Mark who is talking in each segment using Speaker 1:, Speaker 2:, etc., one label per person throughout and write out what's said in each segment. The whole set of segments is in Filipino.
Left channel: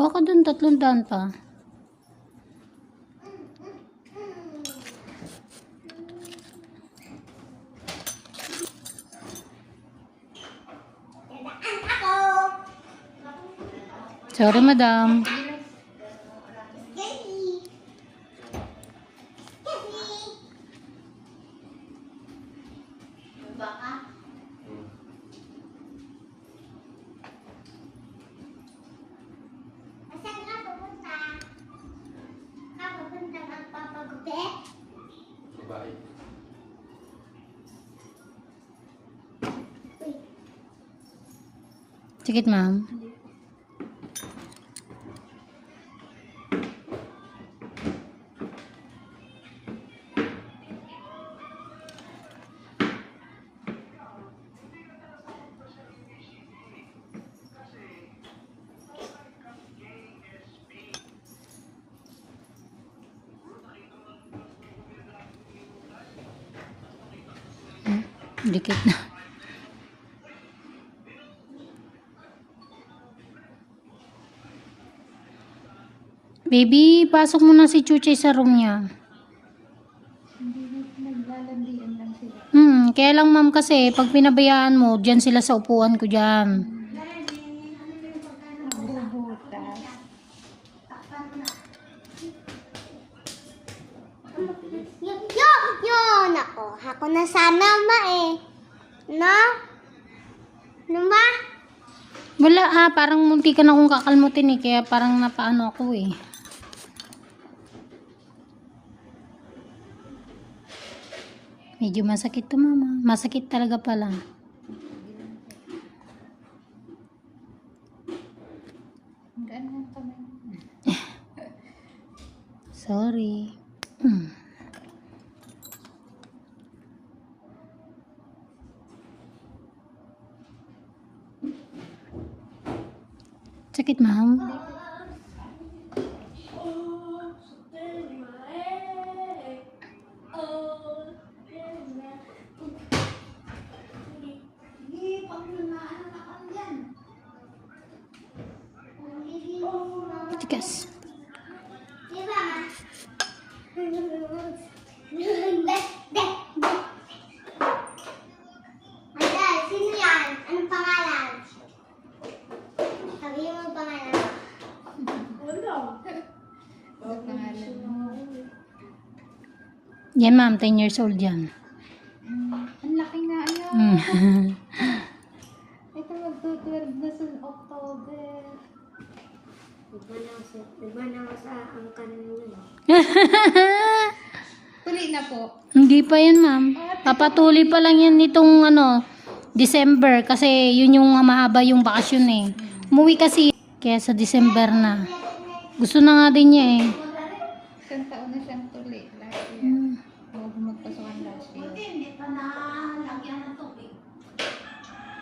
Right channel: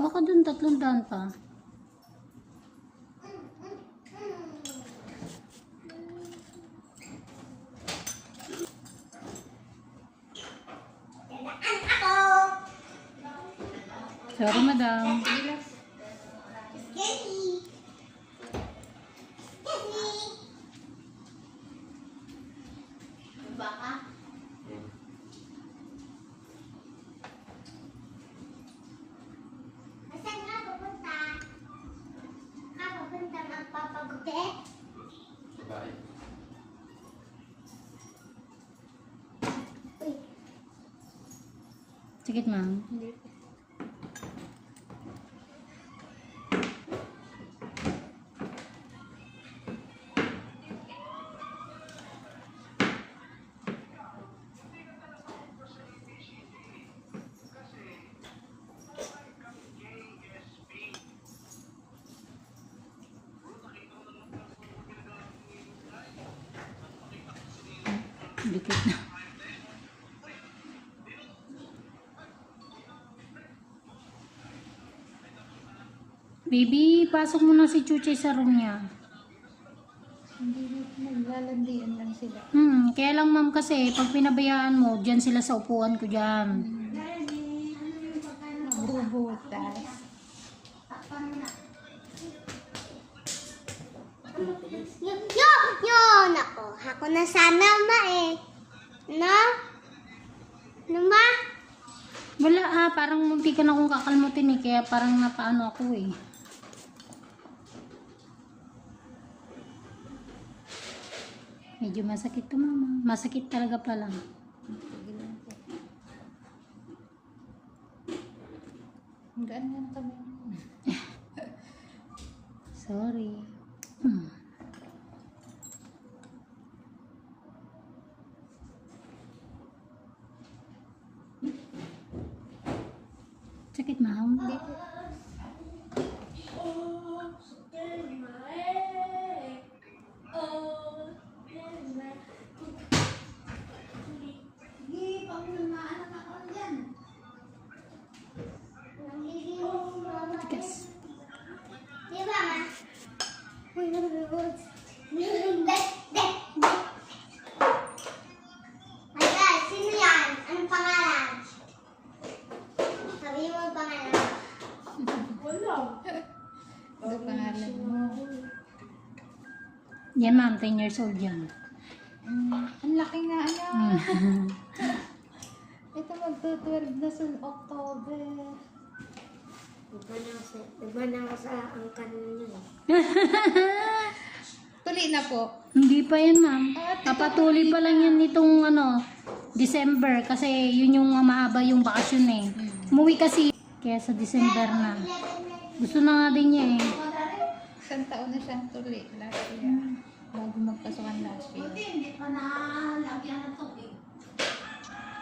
Speaker 1: Baka dun tatlong daan pa. Sorry, madam. Baka? Sikit, ma'am. Dikit na. Baby, pasok mo na si Chuchay sa room niya. Hindi naglalandian lang sila. Hmm, kaya lang ma'am kasi, pag pinabayaan mo, dyan sila sa upuan ko dyan. Bubutas. Yun, yun, yun ako. Ako na sana ma eh. No? No ma? Wala ah, parang munti ka na akong kakalmutin eh, kaya parang napaano ako eh. Medyo masakit to mama. Masakit talaga pala. Sorry. Hmm. Sakit, ma'am? Pangalan mo? Yan, ma'am. 10 years old yan. Mm, ang laki nga ayun. Iba na sa, iba na sa ang kanan niyo. Tuloy na po. Hindi pa yan, ma'am. Papatuloy pa lang yan nitong ano, December. Kasi yun yung mahaba yung bakasyon eh. Umuwi kasi. Kaya sa December na. Gusto na nga din niya eh. Isang taon na siyang tuloy. Last year. Bago magpasukan last year. hindi pa nalagyan ng tubig.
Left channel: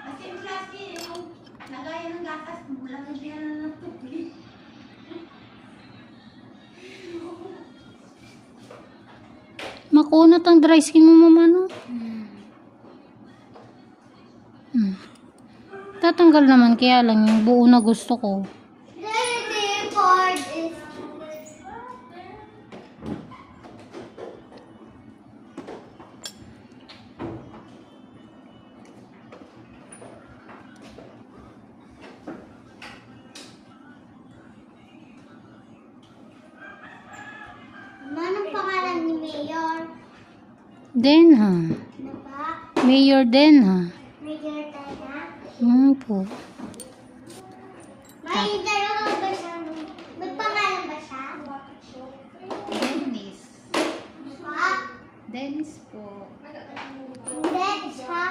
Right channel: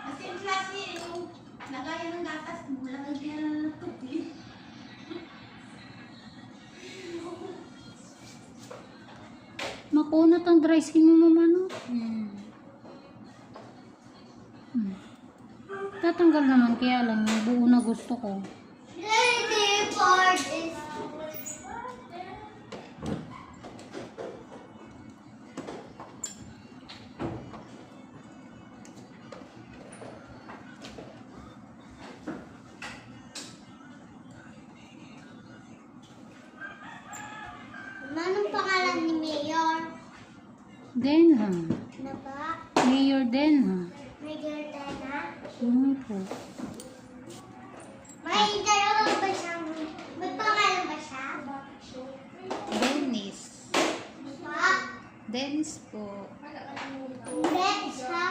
Speaker 1: Kasi yung plastic, yung lagayan ng gatas, lagyan na ng tubig. Makunat ang dry skin mo, mama, no? Hmm. Hmm. Tatanggal naman, kaya lang yung buo na gusto ko.
Speaker 2: Anong pangalan ni Mayor?
Speaker 1: Denha. Ano ba? Mayor Denha. Mayor Dana? Hmm
Speaker 2: po. May dalawa ba siya? May pangalan ba siya? Dennis. Ha?
Speaker 1: Dennis po. Hindi, siya.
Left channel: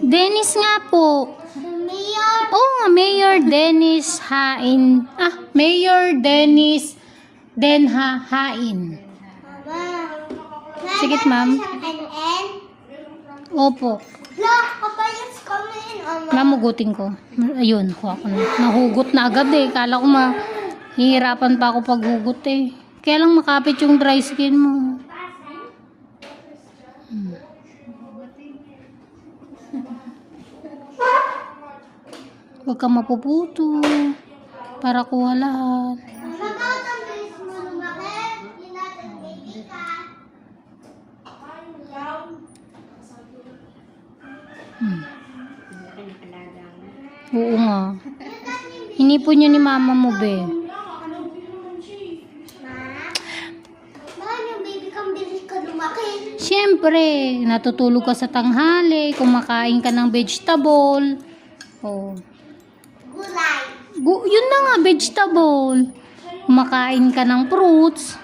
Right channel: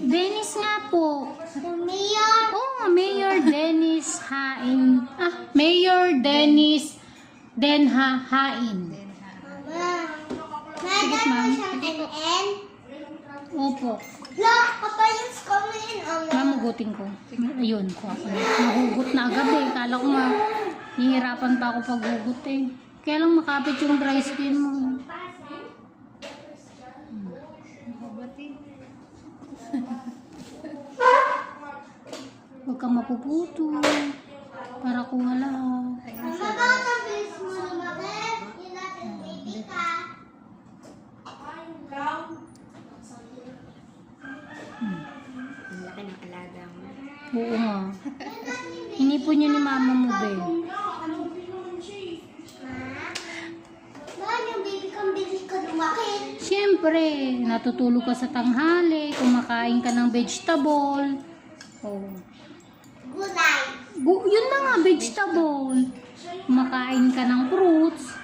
Speaker 1: Dennis nga po. Mayor. Oo nga, Mayor Dennis Hain. Ah, Mayor Dennis Denha Hain. Sige, ma'am. Opo. Ano? Mamugutin ko. Ayun, kuha ko na. Nahugot na agad eh. Kala ko ma hihirapan pa ako paghugot eh. Kaya lang makapit yung dry skin mo. Hmm. Huwag ka mapuputo. Para kuha lahat. Mama, bakit ang bilis mo lumaki? Hindi natin baby ka. Hmm. Oo nga. Hinipon yun ni mama mo, be. Siyempre, natutulog ka sa tanghali, kumakain ka ng vegetable. Oh. Gulay. Gu- yun na nga, vegetable. Kumakain ka ng fruits.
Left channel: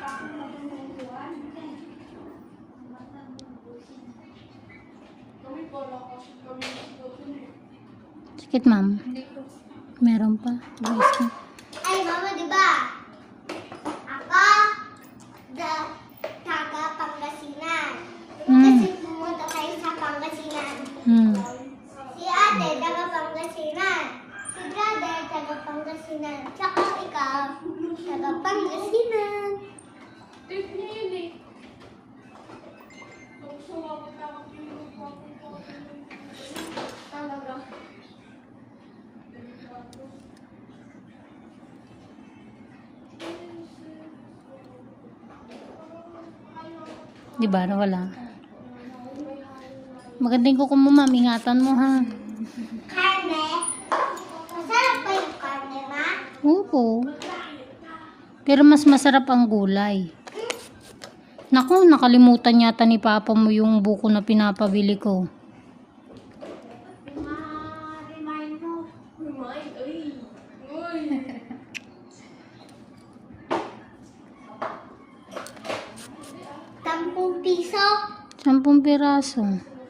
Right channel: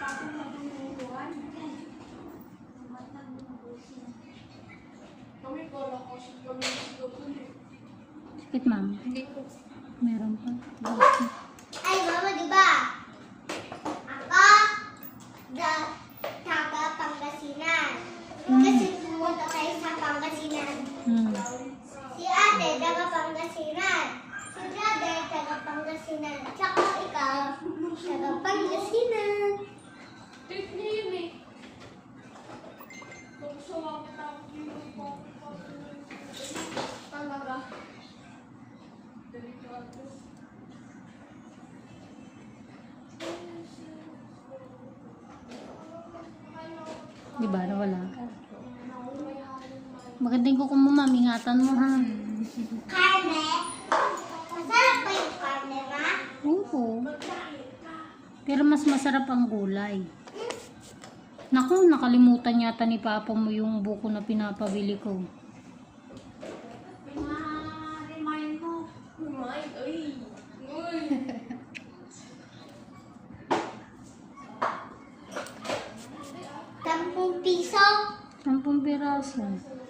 Speaker 1: Sakit, ma'am. Meron pa. Ay, Di ba? Nawala. Magandang kuko mo, ma'am. Ingatan mo, ha? Karne. Masarap ba yung karne, ma? Oo. Pero mas masarap ang gulay. Naku, nakalimutan yata ni Papa mo yung buko na pinapabili ko. Sampung piraso.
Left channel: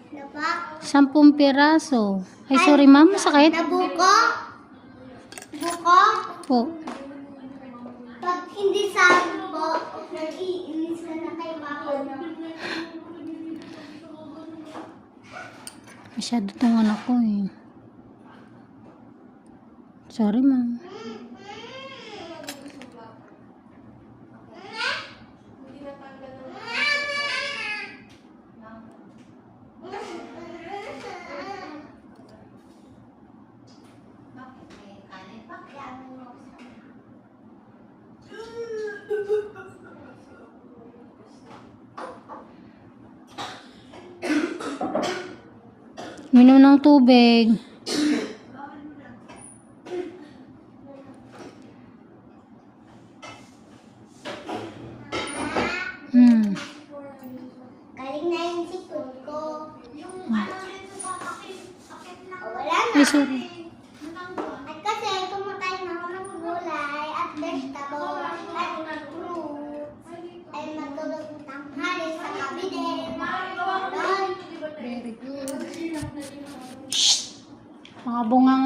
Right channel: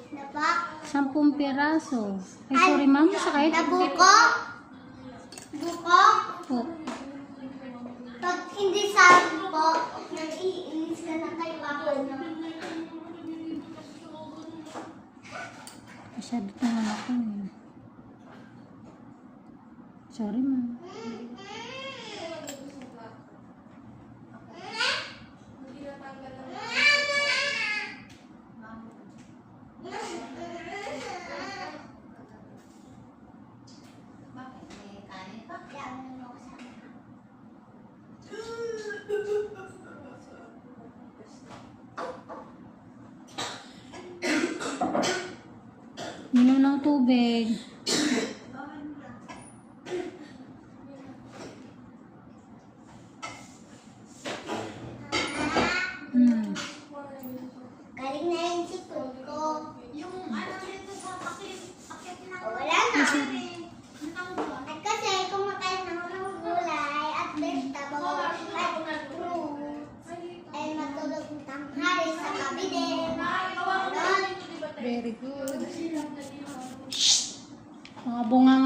Speaker 1: Diba? Sampung piraso. Ay, sorry ma'am, sakit. Na buko. Po. Pag hindi sampo, nag-iinis ka na kay no? Masyado tong anak ko eh. Sorry ma'am. Bakit may kanin pa? Minom ng tubig.
Speaker 2: Hmm. Galing na yung sipon ko. Yung ano dito sa akit, akit na wala Ay, na. sorry. At kasi kumakain na ako ng gulay at vegetable at fruit. Ay matulog ng tanghali sa kabinet. Very good.
Speaker 1: Mga bungangan nyo, ha?